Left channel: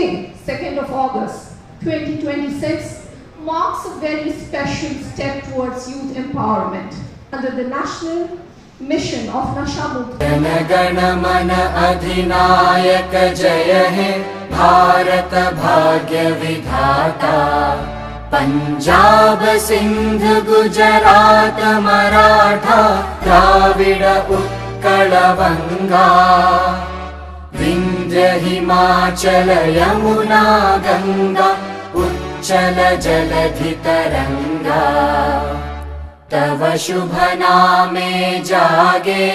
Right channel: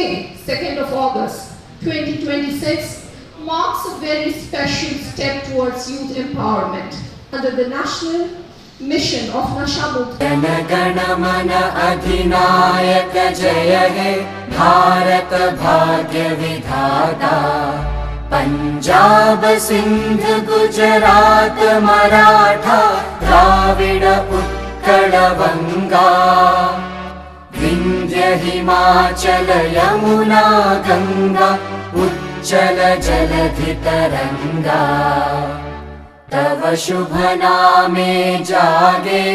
Today, 2nd of August 2026, marks a very special step towards youth empowerment under the national mission of Nashamukti. Jana Gana मन अधिनायक जय हे भारत भाग्य विधाता। पंजाब सिंध गुजरात मराठा द्राविड उत्कल बंगा। विंध्य हिमाचल यमुना गंगा उच्चल जलधि तरंगा। तव शुभ नामे जागे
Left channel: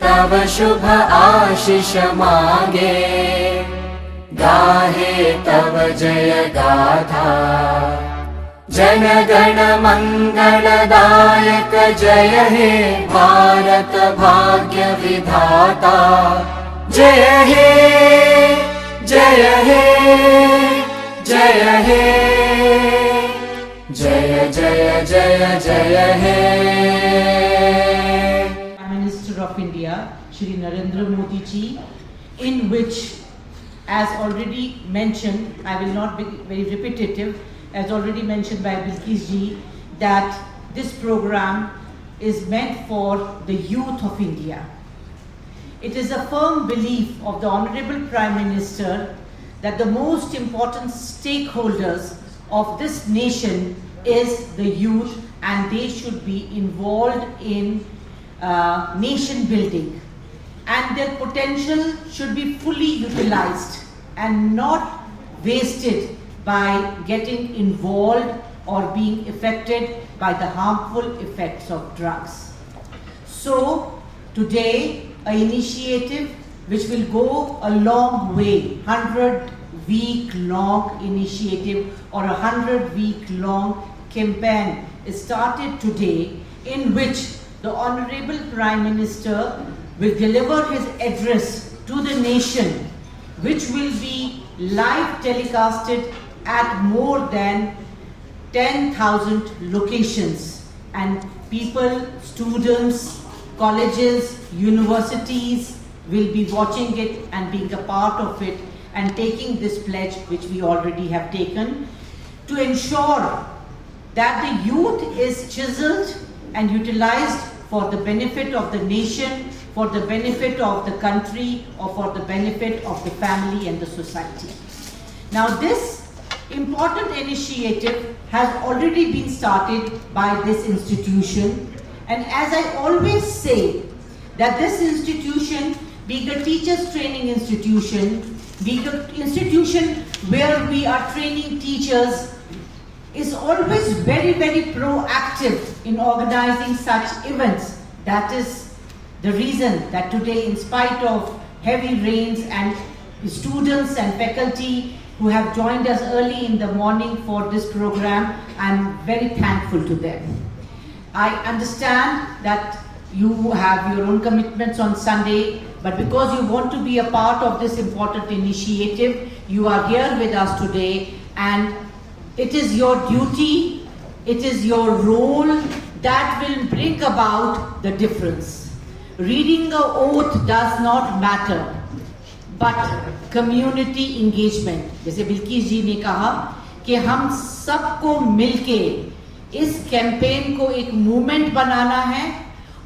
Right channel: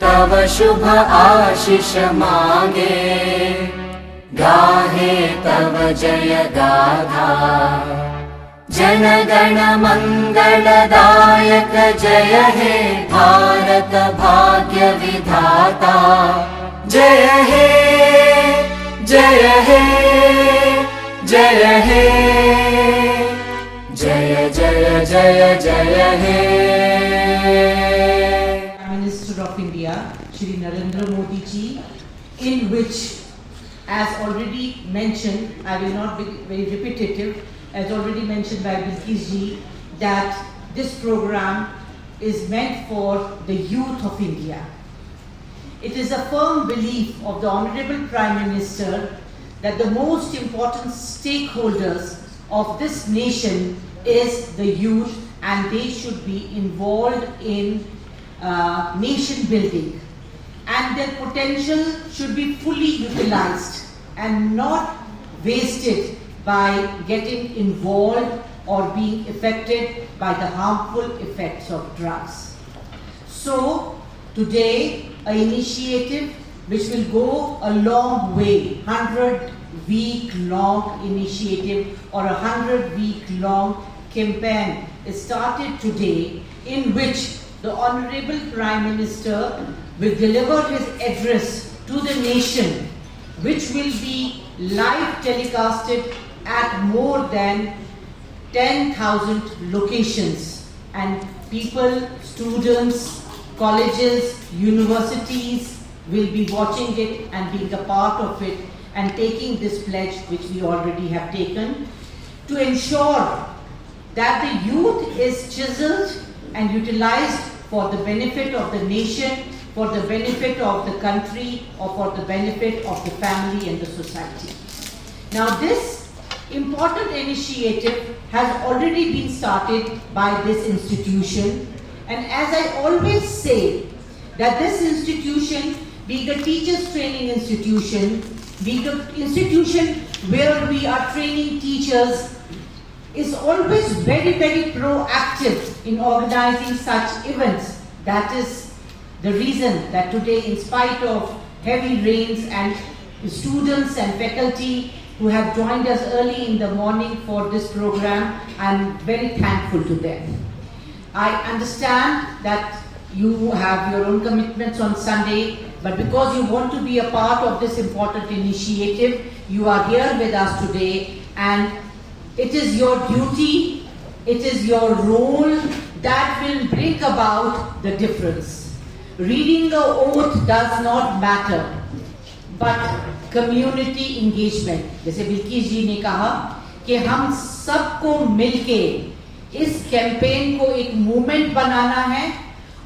तव शुभ आशीष मांगे। गाहे तव जय गाथा जन गण मंगलदायक जय हे भारत भाग्य विधाता। जय हे जय हे जय हे जय जय जय जय हे। Prime Minister of India, Shri Narendra Modi ji, in which, as already mentioned, I will not be very repetitive, as already mentioned by Bilkis ji, that this program is meant for the youth of India. It is a firm belief of the Honorable Prime Minister that the most important stakeholders of this nation is the youth, and they should be involved in nation building, and their potential should be fully utilized and not wasted by getting involved or being affected by the harmful effects of drugs. So today, an initiative which will go a long way, 100-week-long initiative or 100-week-long campaign is started today, in which the Honorable Prime Minister will deliver his address to the nation, which will be live telecasted at more than 10,000 locations, and people, students, colleges, universities will be watching it and being a part of it and taking this pledge which we already have taken to ensure that the youth is chiseled and utilized for the benefit of the nation, for the benefit of the country, or for the benefit of the family and the society. Now this important initiative has already been started by this institution, and as I always say, that this institution, being a teachers training institution, being an institution where we are training teachers, is always very proactive in organizing such events. That is the reason that today, in spite of heavy rains, and students and faculty who have joined us early in the morning for this program, I'm very thankful to them. I understand that you have your own commitments on Sunday, but because you want to be a part of this important initiative, you are here with us today, and it is your duty, it is your role that will bring about the difference. Reading the oath does not matter, but community engagement. जैसे बिल्किस जी ने कहा कि हम सबको मिलके इस campaign को एक मूवमेंट बनाना है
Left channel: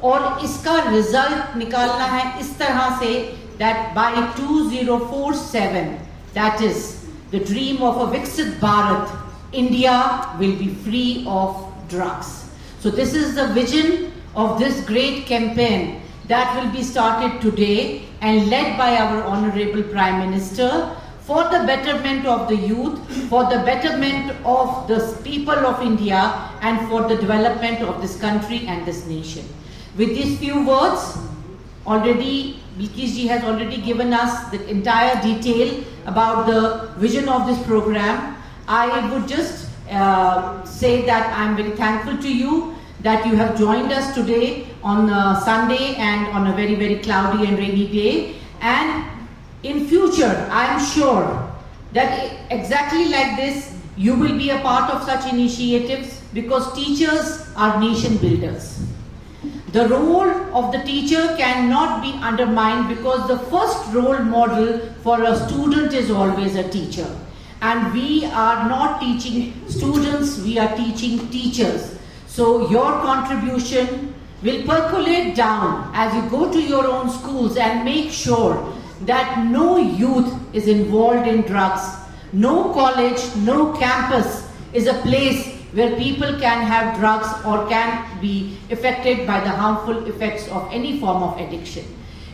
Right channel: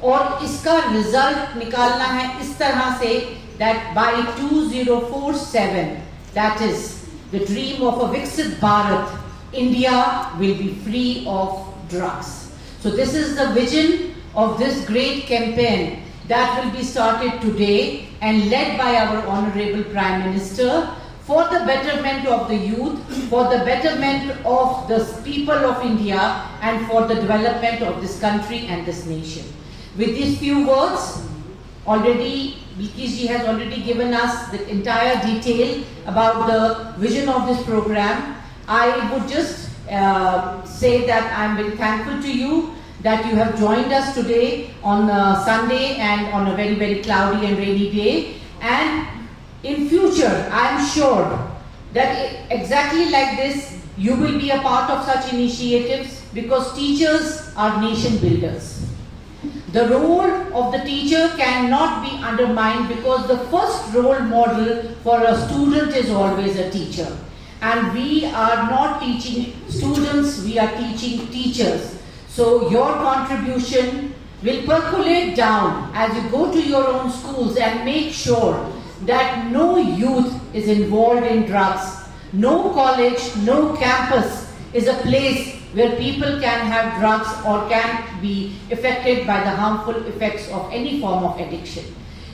और इसका रिजल्ट निकालना है इस तरह से that by 2047, that is the dream of a Viksit Bharat, India will be free of drugs. So this is the vision of this great campaign that will be started today and led by our Honorable Prime Minister for the betterment of the youth, for the betterment of the people of India, and for the development of this country and this nation. With these few words, already Bilkis ji has already given us the entire detail about the vision of this program. I would just say that I'm very thankful to you that you have joined us today on Sunday and on a very cloudy and rainy day. And in future, I am sure that exactly like this, you will be a part of such initiatives, because teachers are nation builders. The role of the teacher cannot be undermined because the first role model for a student is always a teacher. And we are not teaching students, we are teaching teachers. So your contribution will percolate down as you go to your own schools and make sure that no youth is involved in drugs. No college, no campus is a place where people can have drugs or can be affected by the harmful effects of any form of addiction.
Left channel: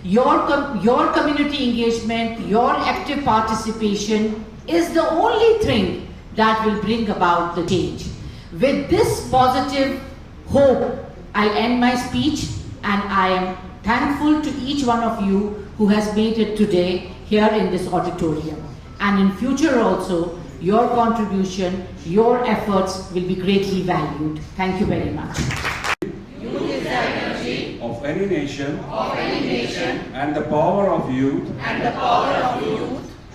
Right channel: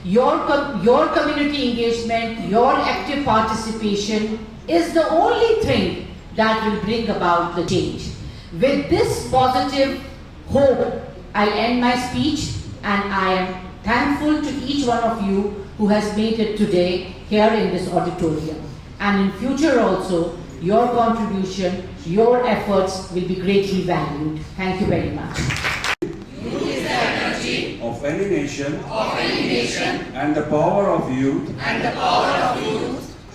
Your community engagement, your active participation is the only thing that will bring about the change. With this positive hope, I end my speech, and I am thankful to each one of you who has made it today here in this auditorium. And in future also, your contribution, your efforts will be greatly valued. Thank you very much. Youth is the energy of any nation, and the power of youth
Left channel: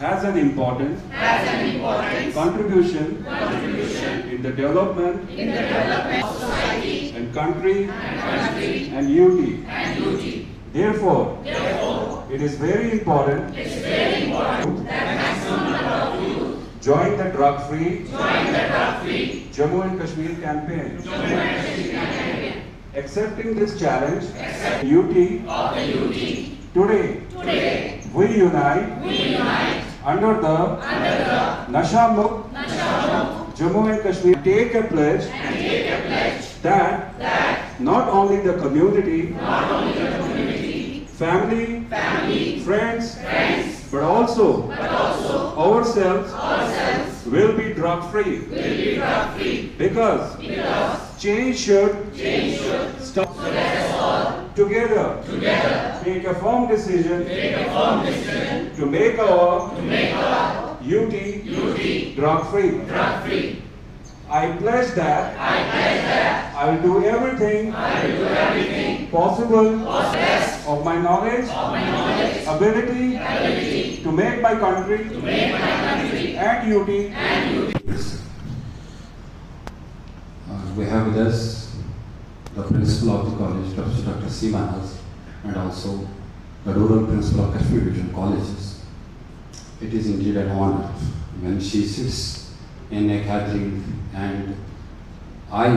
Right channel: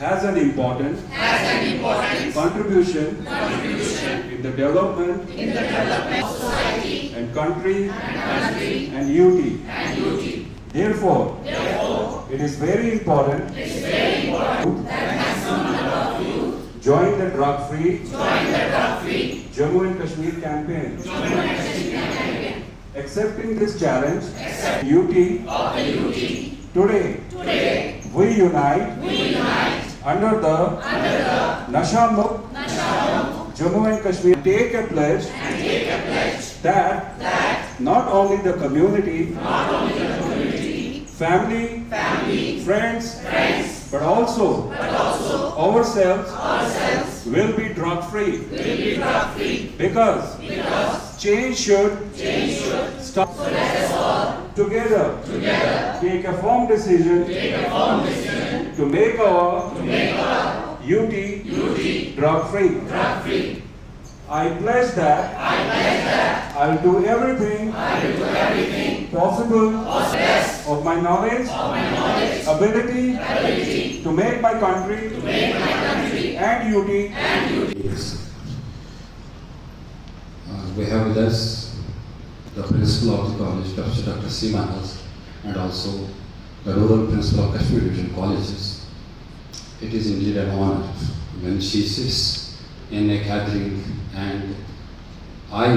has an important contribution in the development of society and country and unity. Therefore, it is very important join the drug-free Jammu and Kashmir campaign. Accepting this challenge, today we unite under the Nasha Mukt Jammu and Kashmir. Take a pledge that not only the community, family, friends, but also ourselves will be drug-free. Because change should start. Together, take a firm decision to make our UT drug-free. I pledge that I will do everything possible of my knowledge, ability to make my country and UT. We have with us the principal of the college, Professor Dr. C. Manas, and also the rural principal of Kashmir Division Colleges. It is indeed an honor when she sits in a gathering, and I